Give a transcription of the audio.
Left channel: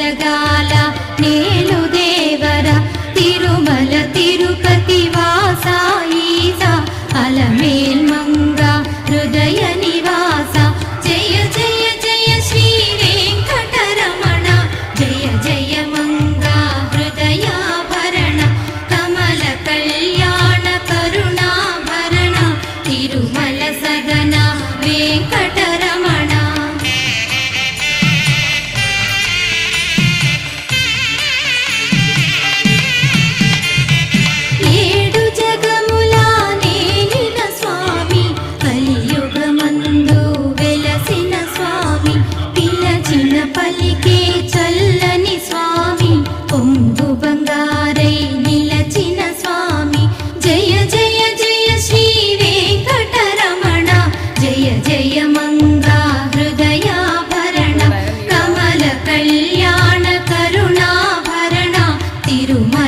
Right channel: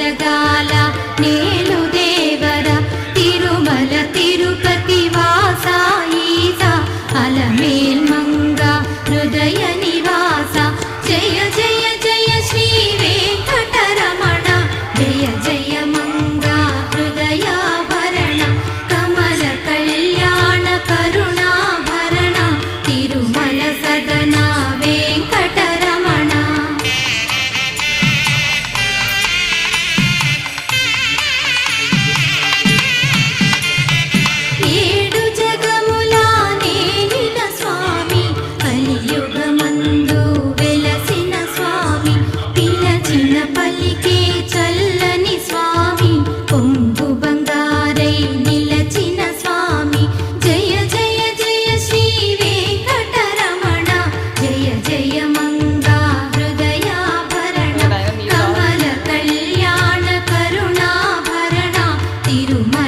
జగాల నేలు దేవర తిరుమల తిరుపతి వాస ఈస అలమేల్ మంగ హృదయ నివాస జయ జయ జయ శ్రీ వెంకటరమణ జయ జయ మంగ హృదయాభరణ కమల కళ్యాణ కరుణాభరణ తిరుమల సదన వెంకటరమణ. ఏడు జగముల నేలిన స్వామి కలియుగమందు వెలసిన స్వామి పిలచిన పలికే చల్లని స్వామి పొంగు బంగారై నిలచిన స్వామి జయ జయ జయ శ్రీ వెంకటరమణ జయ జయ మంగా హృదయాభరణ కమల కళ్యాణ కరుణాభరణ తిరుమల